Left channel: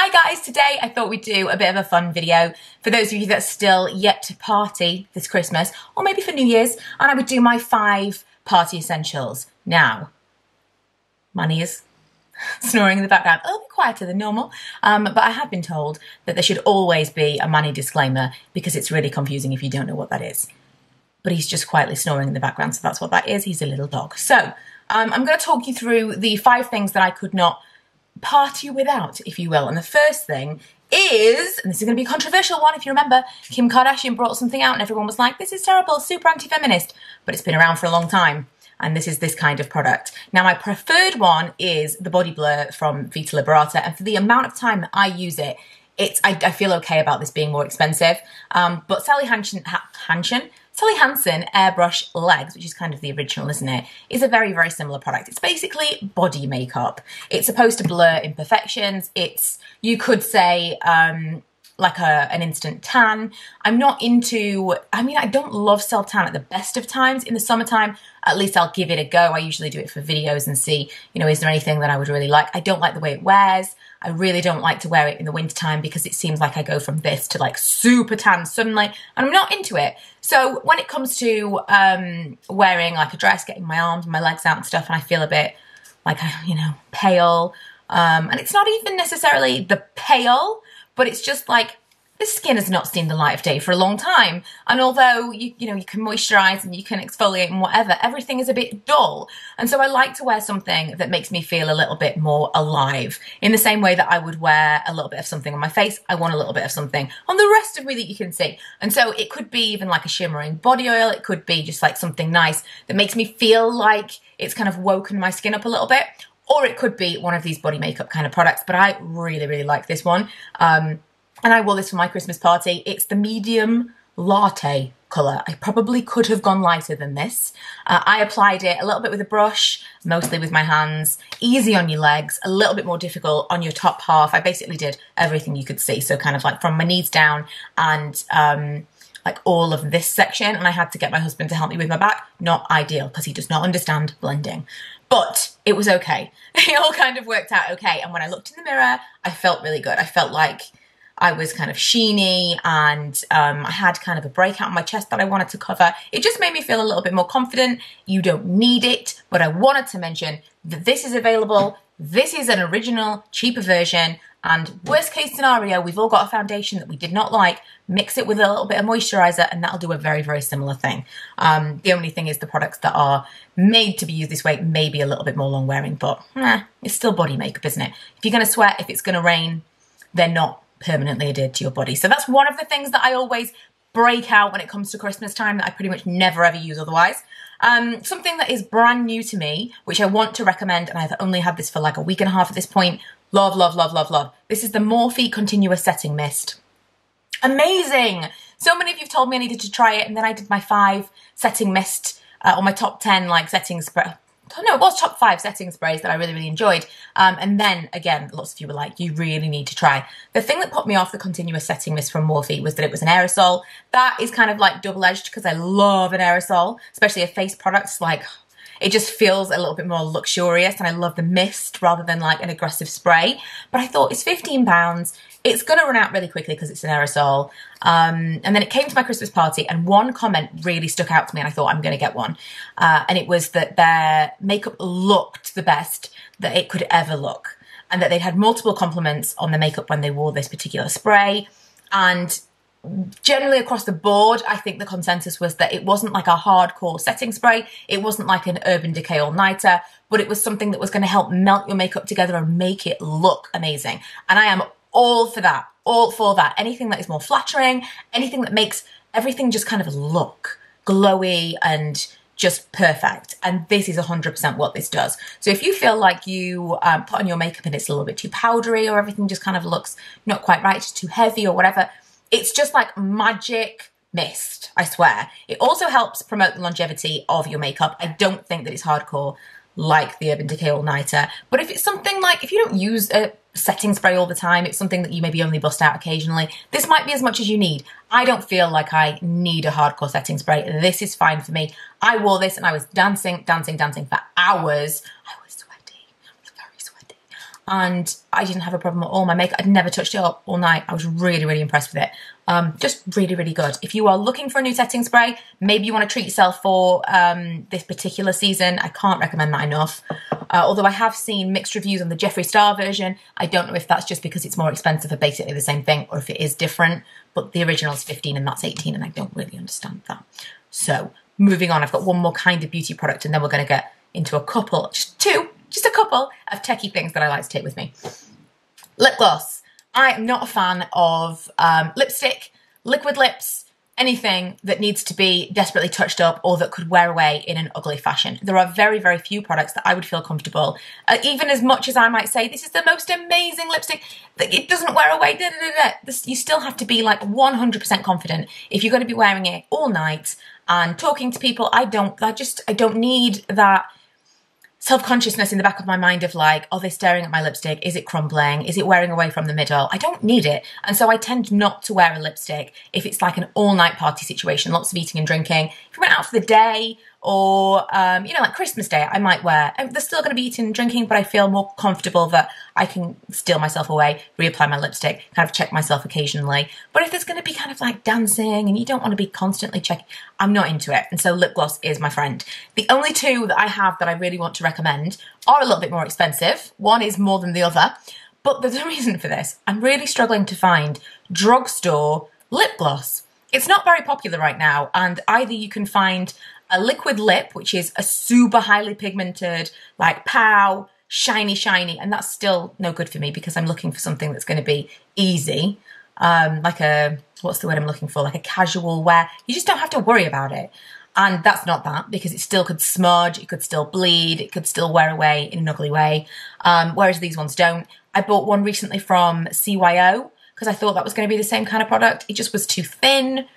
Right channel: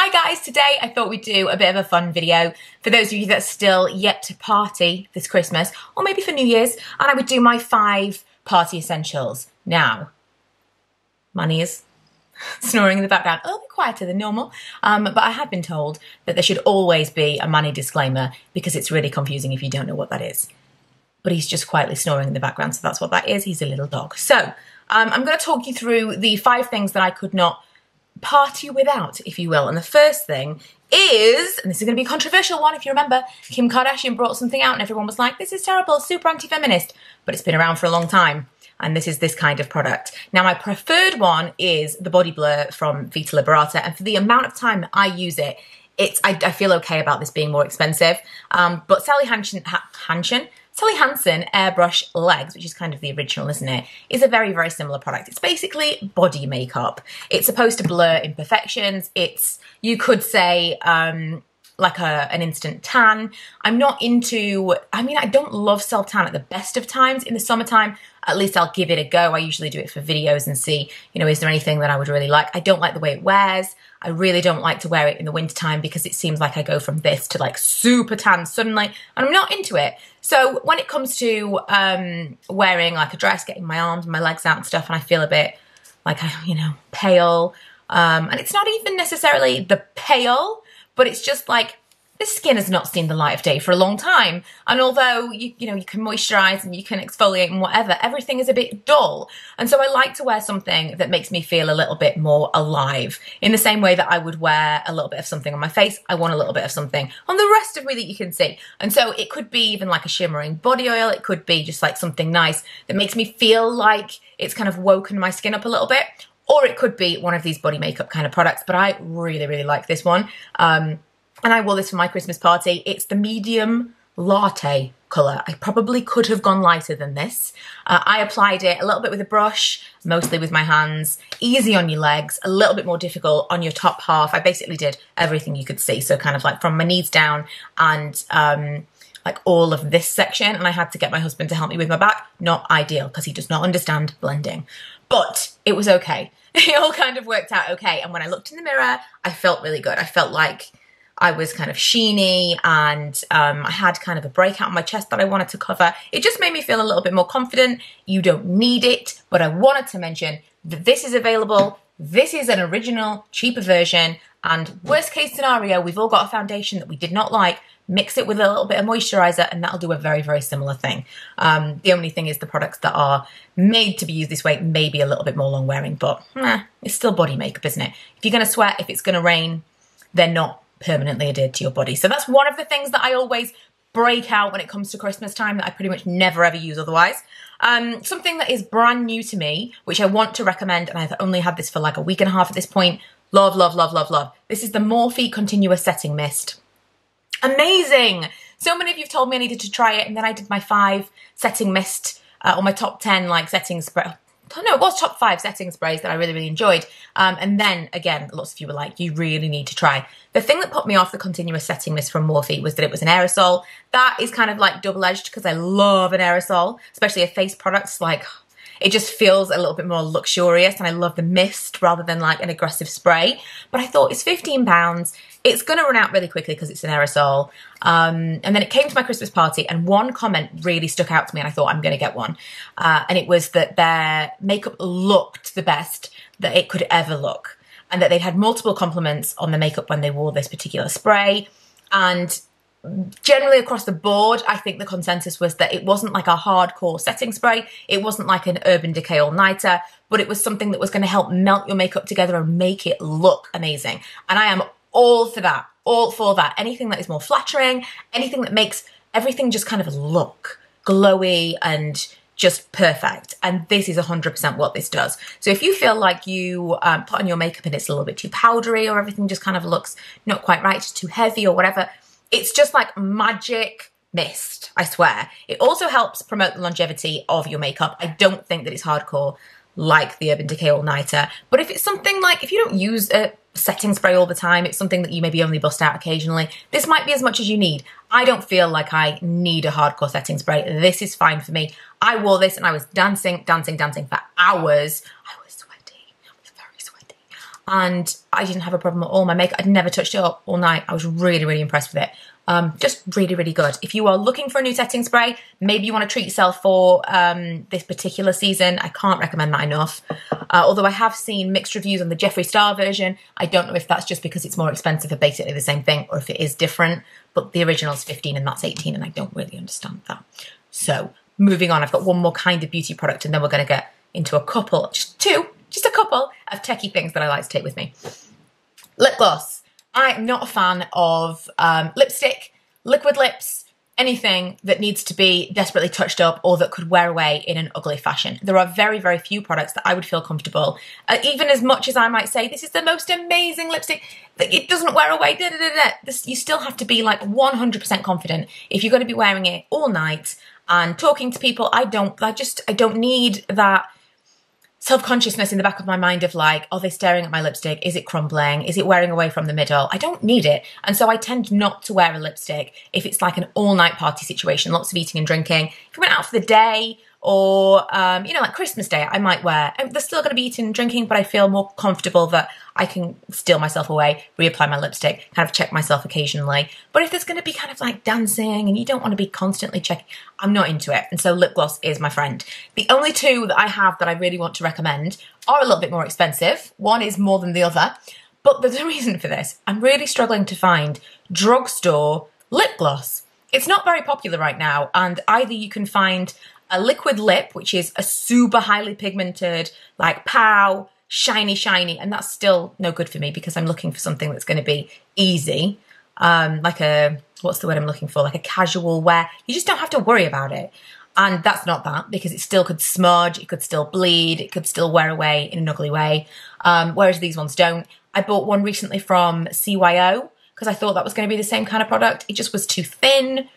Hi guys, today I thought we'd do a bit of a fun video for those of you that are still yet to party this Christmas, or maybe for New Year's, and I would do my 5 party essentials. Now, Manny is snoring in the background, a little bit quieter than normal, but I have been told that there should always be a Manny disclaimer because it's really confusing if you don't know what that is. But he's just quietly snoring in the background, so that's what that is. He's a little dog. So, I'm going to talk you through the 5 things that I could not party without, if you will. And the first thing is, and this is going to be a controversial one, if you remember, Kim Kardashian brought something out and everyone was like, this is terrible, super anti-feminist, but it's been around for a long time. And this is this kind of product. Now, my preferred one is the Body Blur from Vita Liberata. And for the amount of time that I use it, I feel okay about this being more expensive. But Sally Hansen Airbrush Legs, which is kind of the original, isn't it, is a very, very similar product. It's basically body makeup. It's supposed to blur imperfections. It's, you could say, like an instant tan. I'm not into, I don't love self-tan at the best of times. In the summertime, at least I'll give it a go. I usually do it for videos and see, is there anything that I would really like? I don't like the way it wears. I really don't like to wear it in the wintertime because it seems like I go from this to like super tan suddenly, and I'm not into it. So when it comes to wearing like a dress, getting my arms and my legs out and stuff, and I feel a bit like, pale, and it's not even necessarily the pale, but it's just like the skin has not seen the light of day for a long time. And although you can moisturize and you can exfoliate and whatever, everything is a bit dull. And so I like to wear something that makes me feel a little bit more alive. In the same way that I would wear a little bit of something on my face, I want a little bit of something on the rest of me that you can see. And so it could be even like a shimmering body oil. It could be just like something nice that makes me feel like it's kind of woken my skin up a little bit. Or it could be one of these body makeup kind of products, but I really, really like this one. And I wore this for my Christmas party. It's the medium latte colour. I probably could have gone lighter than this. I applied it a little bit with a brush, mostly with my hands, easy on your legs, a little bit more difficult on your top half. I basically did everything you could see. So kind of like from my knees down and like all of this section. And I had to get my husband to help me with my back. Not ideal because he does not understand blending. But it was okay. It all kind of worked out okay. And when I looked in the mirror, I felt really good. I felt like I was kind of sheeny and I had kind of a breakout on my chest that I wanted to cover. It just made me feel a little bit more confident. You don't need it, but I wanted to mention that this is available. This is an original, cheaper version. And worst case scenario, we've all got a foundation that we did not like. Mix it with a little bit of moisturizer and that'll do a very, very similar thing. The only thing is the products that are made to be used this way may be a little bit more long wearing, but it's still body makeup, isn't it? If you're going to sweat, if it's going to rain, they're not permanently adhered to your body. So that's one of the things that I always break out when it comes to Christmas time that I pretty much never ever use otherwise. Something that is brand new to me, which I want to recommend, and I've only had this for like a week and a half at this point. Love, love, love, love, love. This is the Morphe Continuous Setting Mist. Amazing. So many of you have told me I needed to try it, and then I did my 5 setting mist or my top 10 like setting spray. No, it was top 5 setting sprays that I really, really enjoyed. And then again, lots of you were like, you really need to try. The thing that put me off the Continuous Setting Mist from Morphe was that it was an aerosol. That is kind of like double-edged because I love an aerosol, especially a face product. Like, it just feels a little bit more luxurious, and I love the mist rather than like an aggressive spray. But I thought it's £15. It's going to run out really quickly because it's an aerosol. And then it came to my Christmas party, and one comment really stuck out to me, and I thought I'm going to get one. And it was that their makeup looked the best that it could ever look, and that they'd had multiple compliments on the makeup when they wore this particular spray. And generally across the board, I think the consensus was that it wasn't like a hardcore setting spray. It wasn't like an Urban Decay all-nighter, but it was something that was going to help melt your makeup together and make it look amazing. And I am all for that, all for that. Anything that is more flattering, anything that makes everything just kind of look glowy and just perfect. And this is 100% what this does. So if you feel like you put on your makeup and it's a little bit too powdery, or everything just kind of looks not quite right, just too heavy or whatever, it's just like magic mist, I swear. It also helps promote the longevity of your makeup. I don't think that it's hardcore like the Urban Decay all-nighter. But if it's something like, if you don't use a setting spray all the time, it's something that you maybe only bust out occasionally, this might be as much as you need. I don't feel like I need a hardcore setting spray. This is fine for me. I wore this and I was dancing for hours. I was sweaty. I was very sweaty. and I didn't have a problem at all. My makeup, I'd never touched it up all night. I was really, really impressed with it. Just really, really good. If you are looking for a new setting spray, maybe you want to treat yourself for this particular season. I can't recommend that enough. Although I have seen mixed reviews on the Jeffree Star version. I don't know if that's just because it's more expensive for basically the same thing or if it is different. But the original is 15 and that's 18 and I don't really understand that. So moving on, I've got one more kind of beauty product and then we're going to get into a couple, just a couple of techie things that I like to take with me. Lip gloss. I am not a fan of lipstick, liquid lips, anything that needs to be desperately touched up or that could wear away in an ugly fashion. There are very, very few products that I would feel comfortable. Even as much as I might say, this is the most amazing lipstick, that it doesn't wear away, you still have to be like 100% confident if you're going to be wearing it all night and talking to people. I don't need that self-consciousness in the back of my mind of like, are they staring at my lipstick? Is it crumbling? Is it wearing away from the middle? I don't need it. And so I tend not to wear a lipstick if it's like an all-night party situation, lots of eating and drinking. If I went out for the day or, you know, like Christmas Day, I might wear, there's still going to be eating and drinking, but I feel more comfortable that I can steal myself away, reapply my lipstick, kind of check myself occasionally. But if there's going to be kind of like dancing and you don't want to be constantly checking, I'm not into it. And so lip gloss is my friend. The only two that I have that I really want to recommend are a little bit more expensive. One is more than the other, but there's a reason for this. I'm really struggling to find drugstore lip gloss. It's not very popular right now. And either you can find a liquid lip, which is a super highly pigmented, like pow, shiny, and that's still no good for me because I'm looking for something that's going to be easy, like a, what's the word I'm looking for? Like a casual wear. You just don't have to worry about it. And that's not that because it still could smudge, it could still bleed, it could still wear away in an ugly way, whereas these ones don't. I bought one recently from CYO because I thought that was going to be the same kind of product. It just was too thin.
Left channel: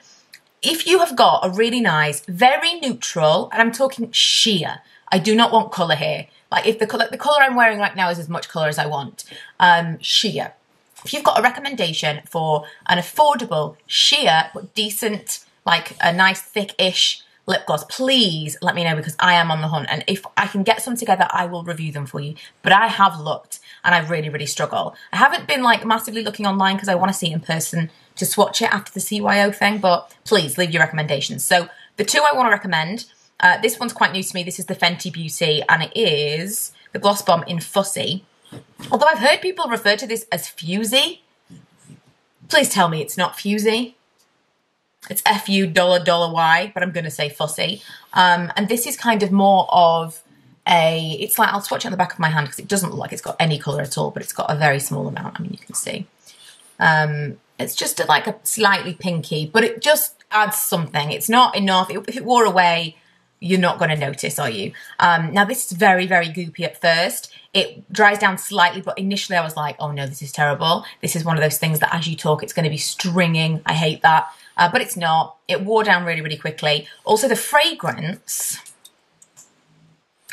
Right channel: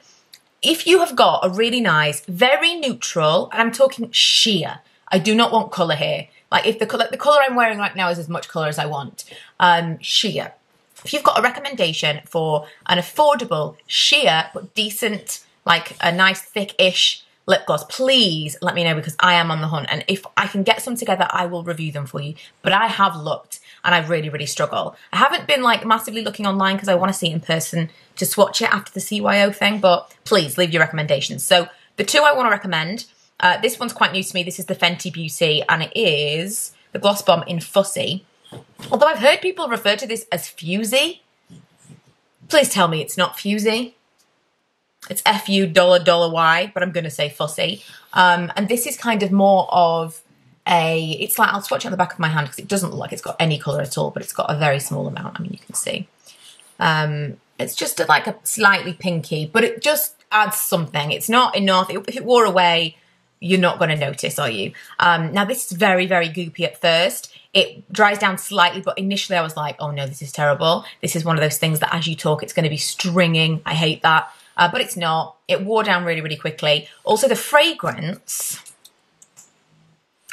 If you have got a really nice, very neutral, and I'm talking sheer, I do not want colour here. Like if the colour I'm wearing right now is as much colour as I want, sheer. If you've got a recommendation for an affordable, sheer, but decent, like a nice thick-ish lip gloss, please let me know because I am on the hunt. And if I can get some together, I will review them for you. But I have looked and I really, really struggle. I haven't been like massively looking online because I want to see it in person to swatch it after the CYO thing, but please leave your recommendations. So the two I want to recommend, this one's quite new to me. This is the Fenty Beauty and it is the Gloss Bomb in Fussy. Although I've heard people refer to this as Fusy. Please tell me it's not Fusy. It's F-U-$Y, but I'm going to say Fussy. And this is kind of more of it's like, I'll swatch it on the back of my hand because it doesn't look like it's got any colour at all, but it's got a very small amount. I mean, you can see. It's just like a slightly pinky, but it just adds something. It's not enough. If it wore away, you're not going to notice, are you? Now, this is very, very goopy at first. It dries down slightly, but initially I was like, oh no, this is terrible. This is one of those things that as you talk, it's going to be stringing. I hate that. But it's not. It wore down really, really quickly. Also, the fragrance,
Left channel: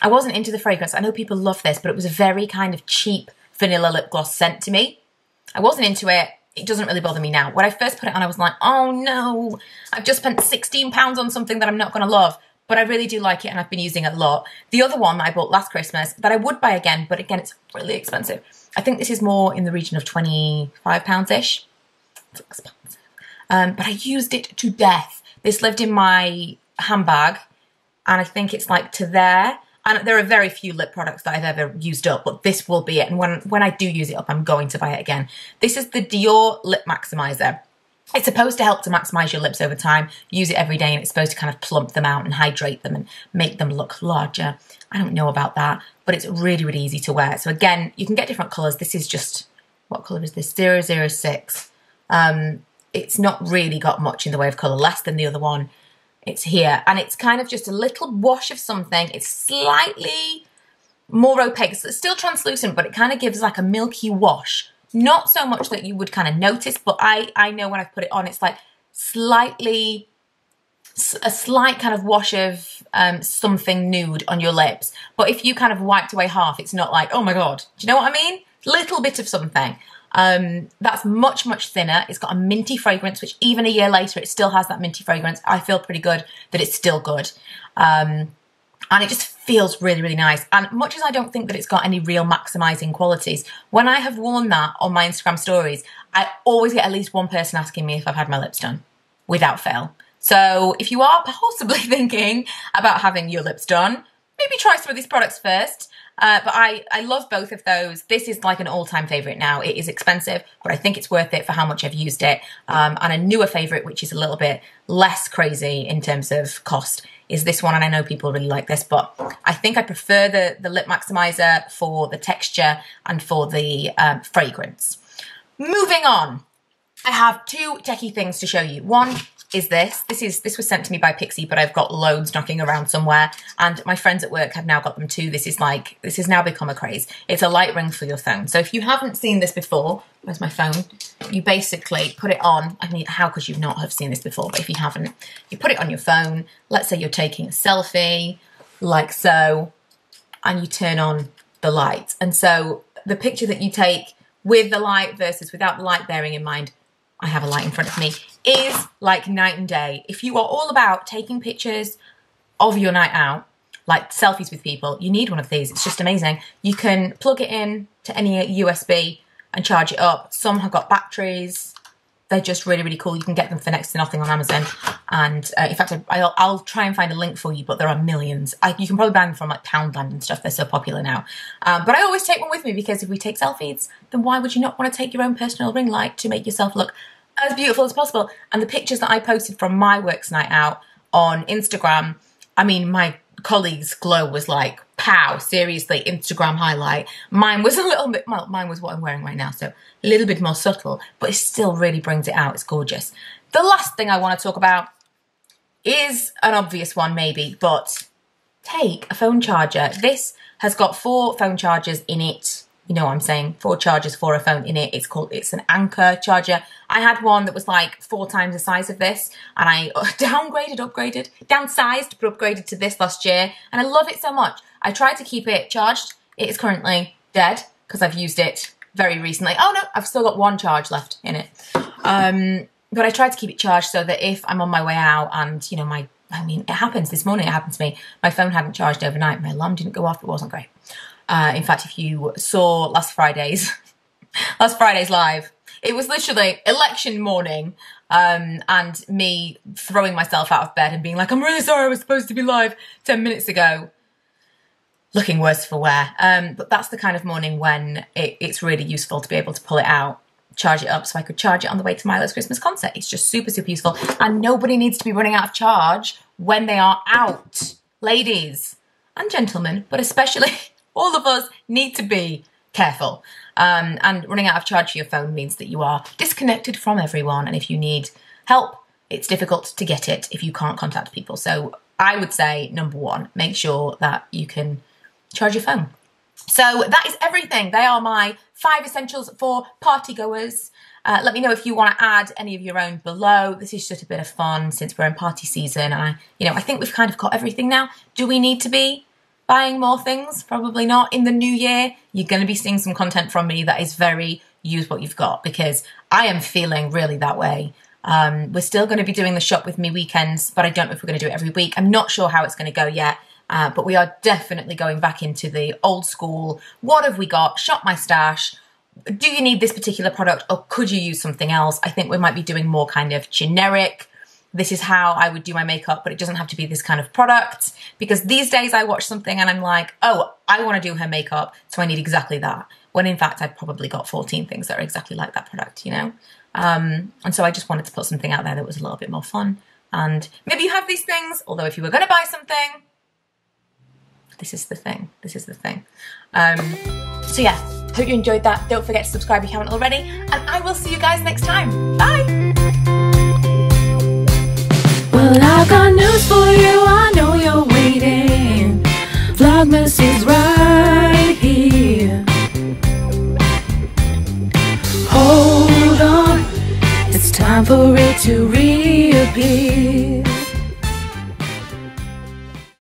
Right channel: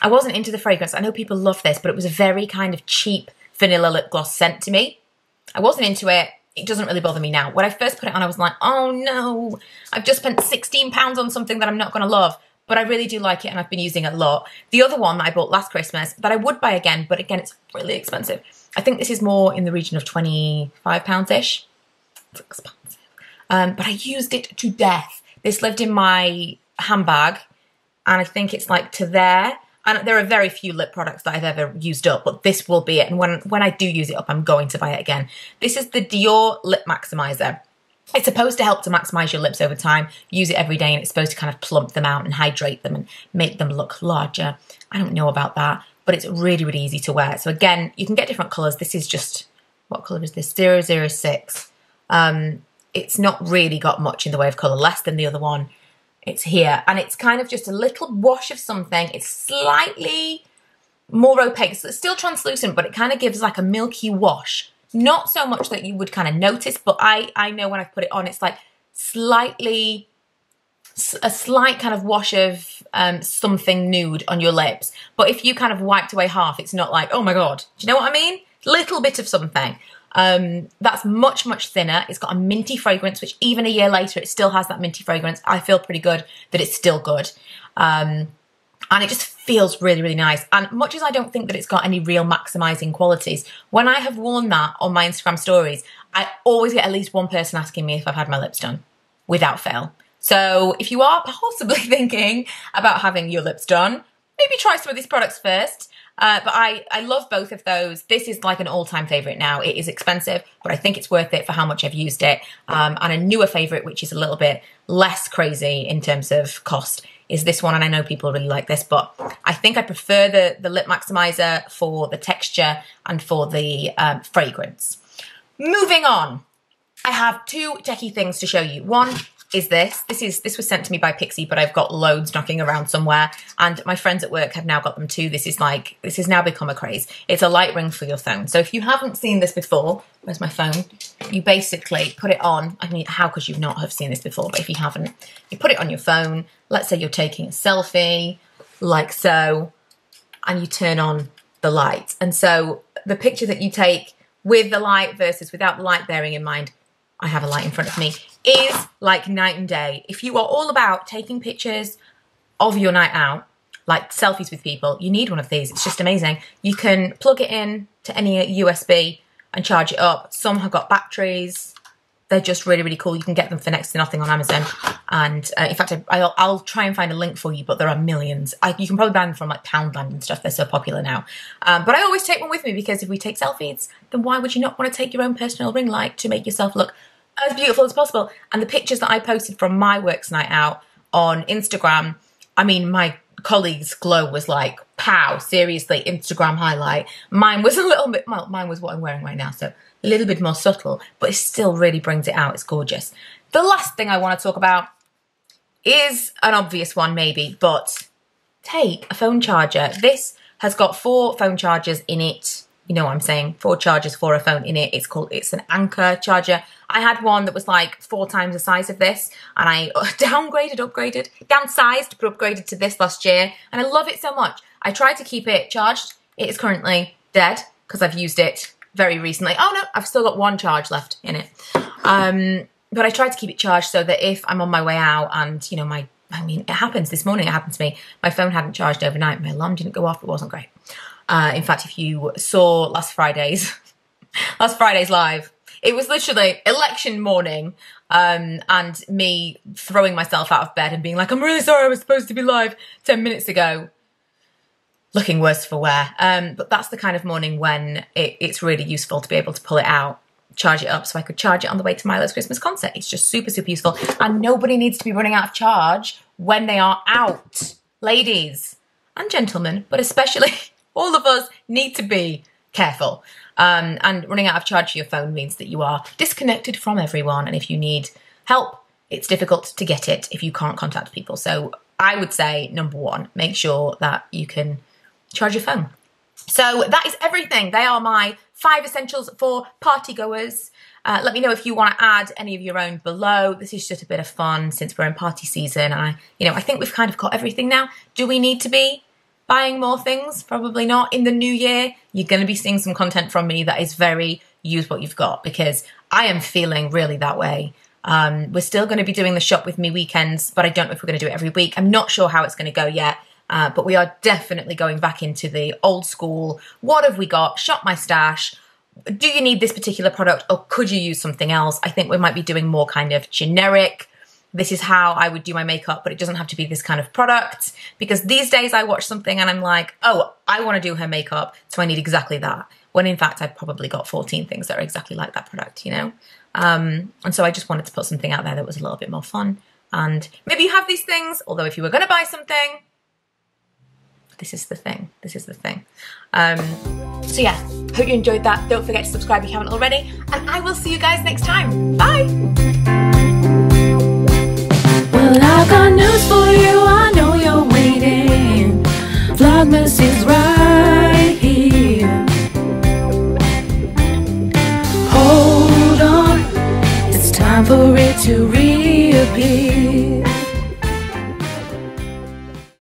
I wasn't into the fragrance. I know people love this, but it was a very kind of cheap vanilla lip gloss scent to me. I wasn't into it. It doesn't really bother me now. When I first put it on, I was like, oh no, I've just spent £16 on something that I'm not going to love. But I really do like it and I've been using it a lot. The other one that I bought last Christmas that I would buy again, but again, it's really expensive. I think this is more in the region of £25-ish. It's expensive. But I used it to death. This lived in my handbag and I think it's like to there. And there are very few lip products that I've ever used up, but this will be it. And when I do use it up, I'm going to buy it again. This is the Dior Lip Maximiser. It's supposed to help to maximize your lips over time. Use it every day and it's supposed to kind of plump them out and hydrate them and make them look larger. I don't know about that, but it's really, really easy to wear. So again, you can get different colors. This is just, what color is this? 006. It's not really got much in the way of color, less than the other one. It's here. And it's kind of just a little wash of something. It's slightly more opaque. So it's still translucent, but it kind of gives like a milky wash. Not so much that you would kind of notice, but I know when I put it on, it's like a slight kind of wash of something nude on your lips. But if you kind of wiped away half, it's not like, oh my God, do you know what I mean? Little bit of something. That's much, much thinner. It's got a minty fragrance, which even a year later, it still has that minty fragrance. I feel pretty good that it's still good. And it just feels really, really nice. And much as I don't think that it's got any real maximizing qualities, when I have worn that on my Instagram stories, I always get at least one person asking me if I've had my lips done, without fail. So if you are possibly thinking about having your lips done, maybe try some of these products first. But I love both of those. This is like an all-time favorite now. It is expensive, but I think it's worth it for how much I've used it. And a newer favorite, which is a little bit less crazy in terms of cost, is this one. And I know people really like this, but I think I prefer the Lip Maximiser for the texture and for the fragrance. Moving on, I have two techie things to show you. One is this. This was sent to me by Pixie, but I've got loads knocking around somewhere, and my friends at work have now got them too. This has now become a craze. It's a light ring for your phone. So if you haven't seen this before, where's my phone? You basically put it on. I mean, how could you not have seen this before? But if you haven't, you put it on your phone. Let's say you're taking a selfie, like so, and you turn on the light. And so the picture that you take with the light versus without the light, bearing in mind I have a light in front of me, is like night and day. If you are all about taking pictures of your night out, like selfies with people, you need one of these. It's just amazing. You can plug it in to any USB and charge it up. Some have got batteries. They're just really, really cool. You can get them for next to nothing on Amazon. And in fact, I'll try and find a link for you, but there are millions. You can probably buy them from like Poundland and stuff. They're so popular now. But I always take one with me, because if we take selfies, then why would you not want to take your own personal ring light to make yourself look as beautiful as possible? And the pictures that I posted from my works night out on Instagram, I mean, my colleague's glow was like, pow, seriously, Instagram highlight. Mine was a little bit, well, mine was what I'm wearing right now, so a little bit more subtle, but it still really brings it out. It's gorgeous. The last thing I want to talk about is an obvious one maybe, but take a phone charger. This has got 4 phone chargers in it. You know what I'm saying? 4 chargers for a phone in it. It's an Anker charger. I had one that was like 4 times the size of this, and I downsized but upgraded to this last year, and I love it so much. I tried to keep it charged. It is currently dead because I've used it very recently. Oh no, I've still got 1 charge left in it. But I tried to keep it charged so that if I'm on my way out and, you know, I mean, it happens. This morning it happened to me. My phone hadn't charged overnight. My alarm didn't go off. It wasn't great. In fact, if you saw last Friday's live, it was literally election morning, and me throwing myself out of bed and being like, I'm really sorry, I was supposed to be live 10 minutes ago. Looking worse for wear. But that's the kind of morning when it's really useful to be able to pull it out, charge it up, so I could charge it on the way to Milo's Christmas concert. It's just super, super useful. And nobody needs to be running out of charge when they are out. Ladies and gentlemen, but especially all of us need to be careful. And running out of charge for your phone means that you are disconnected from everyone. And if you need help, it's difficult to get it if you can't contact people. So I would say, number 1, make sure that you can charge your phone. So that is everything. They are my 5 essentials for party goers. Let me know if you want to add any of your own below. This is just a bit of fun since we're in party season. And I think we've kind of got everything now. Do we need to be buying more things? Probably not. In the new year, you're going to be seeing some content from me that is very use what you've got, because I am feeling really that way. We're still going to be doing the shop with me weekends, but I don't know if we're going to do it every week. I'm not sure how it's going to go yet, but we are definitely going back into the old school. What have we got? Shop my stash. Do you need this particular product, or could you use something else? I think we might be doing more kind of generic, this is how I would do my makeup, but it doesn't have to be this kind of product, because these days I watch something and I'm like, oh, I want to do her makeup, so I need exactly that. When in fact, I've probably got 14 things that are exactly like that product, you know? And so I just wanted to put something out there that was a little bit more fun. And maybe you have these things, although if you were going to buy something, this is the thing. This is the thing. So yeah, hope you enjoyed that. Don't forget to subscribe if you haven't already, and I will see you guys next time. Bye! Well, I've got news for you, I know you're waiting. Vlogmas is right here. Hold on, it's time for it to reappear.